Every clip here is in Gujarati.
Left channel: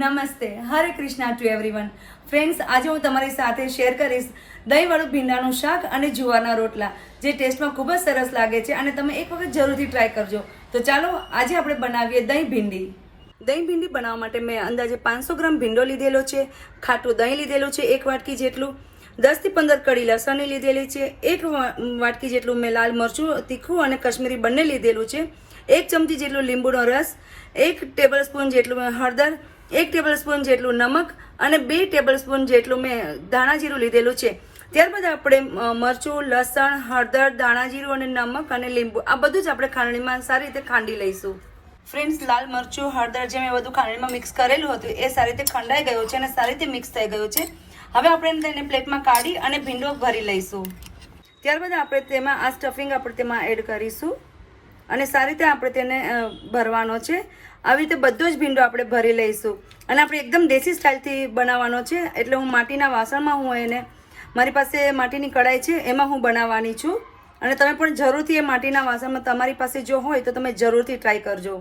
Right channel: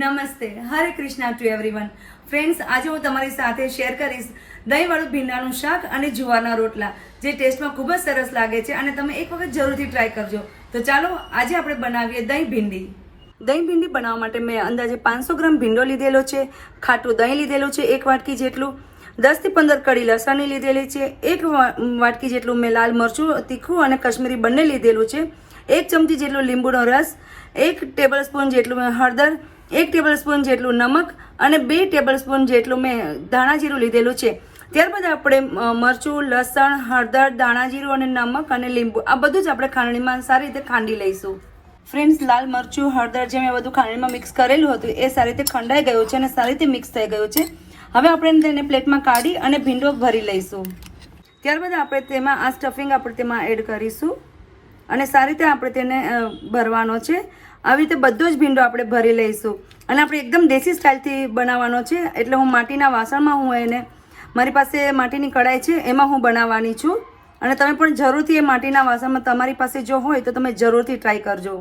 નમસ્તે, હરે કૃષ્ણા ટુ એવરીવન. ફ્રેન્ડ્સ, આજે હું તમારી સાથે શેર કરીશ દહીંવાળું ભીંડાનું શાક અને જુવારના રોટલા, જે ટેસ્ટમાં ખૂબ જ સરસ લાગે છે અને તમે એક વખત જરૂરથી ટ્રાય કરજો. તો ચાલો આજે આપણે બનાવીએ દહીં ભીંડી. દહીં ભીંડી બનાવવા માટે મેં અંદાજે 500 ગ્રામ ભીંડો લીધેલો છે, ખાટું દહીં લીધેલું છે 1 વાટકી જેટલું, 10 થી 15 કળી લસણ લીધેલી છે, 1 વાટકી જેટલું મેં લાલ મરચું તીખું અને કશ્મીરી બંને લીધેલું છે, 1 ચમચી જેટલો લીંબુનો રસ, 1 ટેબલસ્પૂન જેટલું મેં હળદર, 1 ટેબલસ્પૂન જેટલું નમક અને 2 ટેબલસ્પૂન જેટલું મેં ધાણા જીરું લીધેલું છે. ત્યારબાદ આપણે મરચું, લસણ, હળદર, ધાણા જીરું અને નમક અને લીંબુ આ બધું જ આપણે ખાંડણીમાં સારી રીતે ખાંડી લઈશું. ફ્રેન્ડ્સ, લાલ મરચું, હળદર જે મેં બધું ખાંડણીમાં મિક્સ કરેલું હતું એ સારી રીતે ખંડાઈ ગયું છે અને સારી રીતે મિક્સ થઈ ગયું છે. હવે આપણે તેને પ્લેટમાં કાઢી અને ભીંડો ભરી લઈશું. ત્યારબાદ આપણે તેમાં આ સ્ટફિંગ આપણે તેમાં એડ કરીશું અને સારી રીતે આપણે તેને ભરવાનો છે. આવી રીતે બધો જ ભીંડો આપણે ભરી લઈશું અને આપણે એકદમ દેશી સ્ટાઇલથી બનાવવાનો છે. એટલે હું માટીના વાસણમાં મારી પાસે માટીની કઢાઈ છે એમાં હું બનાવવાની છું અને તમે પણ જરૂરથી એ માટીના વાસણમાં તમારી પાસે જો હોય તો તમે જરૂરથી ટ્રાય કરજો.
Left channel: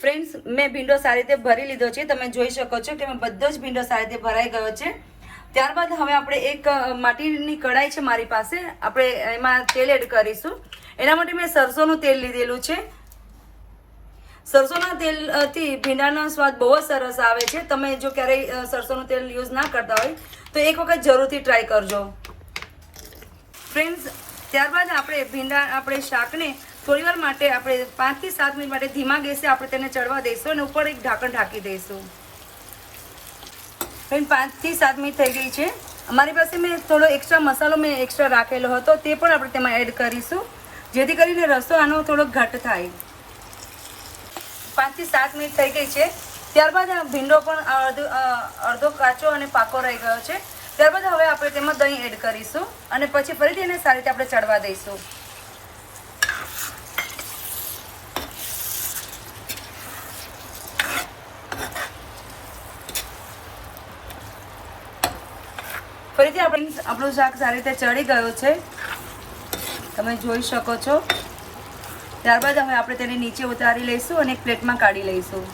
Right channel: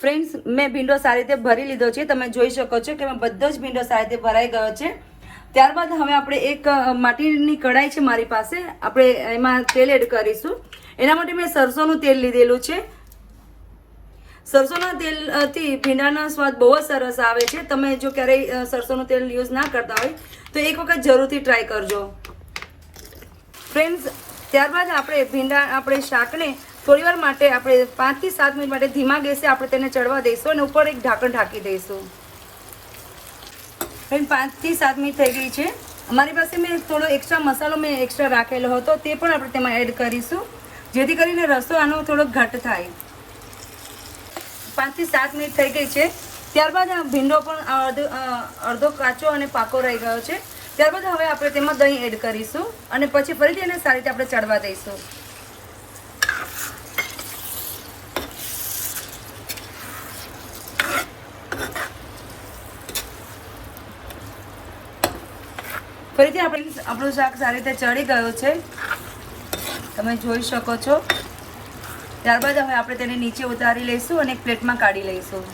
ફ્રેન્ડ્સ, મેં ભીંડો સારી રીતે ભરી લીધો છે. તમે જોઈ શકો છો કે બધો જ ભીંડો સારી રીતે ભરાઈ ગયો છે. ત્યારબાદ હવે આપણે એક માટીની કઢાઈ છે મારી પાસે, આપણે એમાં તેલ એડ કરીશું. એના માટે મેં સરસોનું તેલ લીધેલું છે. સરસોના તેલથી ભીંડાનો સ્વાદ બહુ જ સરસ આવે છે. તમે જો ક્યારેય સરસોનું તેલ યુઝ ના કરતા હોય તો એક વખત જરૂરથી ટ્રાય કરજો. ફ્રેન્ડ્સ, ત્યારબાદ આપણે શાકને થોડીવાર માટે આપણે 5 થી 7 મિનિટ માટે ધીમા ગેસે આપણે તેને ચડવા દઈશું અને ઉપર એક ઢાંકણ ઢાંકી દઈશું. ફ્રેન્ડ, 5 થી 7 મિનિટ થઈ ગઈ છે. અમારી પાસે મેં થોડો એક્સ્ટ્રા મસાલો એક્સ્ટ્રા રાખેલો હતો તે પણ આપણે તેમાં એડ કરીશું, જેથી કરીને રસો આનો થોડો ઘટ થાય. 5 થી 7 મિનિટ થઈ ગઈ છે. ત્યારબાદ ભીંડો પણ અડધો કાચો અને પાકો રહી ગયો છે. ત્યારબાદ હવે આપણે તેમાં દહીં એડ કરીશું અને પછી ફરીથી એને સારી રીતે આપણે ચડવા દઈશું. ફરીથી આપણું શાક સારી રીતે ચડી ગયો છે, તમે જોઈ શકો છો. ત્યારબાદ હવે આપણે તેને નીચે ઉતારી લઈશું અને એક પ્લેટમાં કાઢી લઈશું.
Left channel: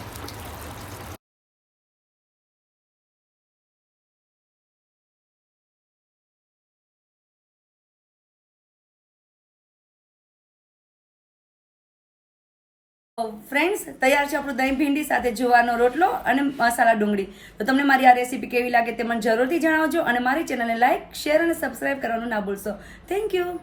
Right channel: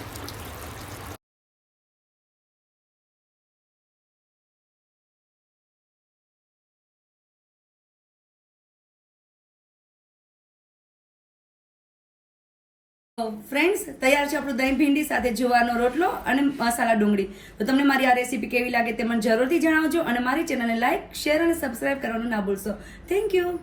ફ્રેન્ડ્સ, તૈયાર છે આપણું દહીં ભીંડી સાથે જુવારનો રોટલો અને મસાલા ડુંગળી. તો તમને મારી આ રેસીપી કેવી લાગે તે મને જરૂરથી જણાવજો અને મારી ચેનલને લાઈક, શેર અને સબસ્ક્રાઇબ કરવાનું ના ભૂલશો. Thank you.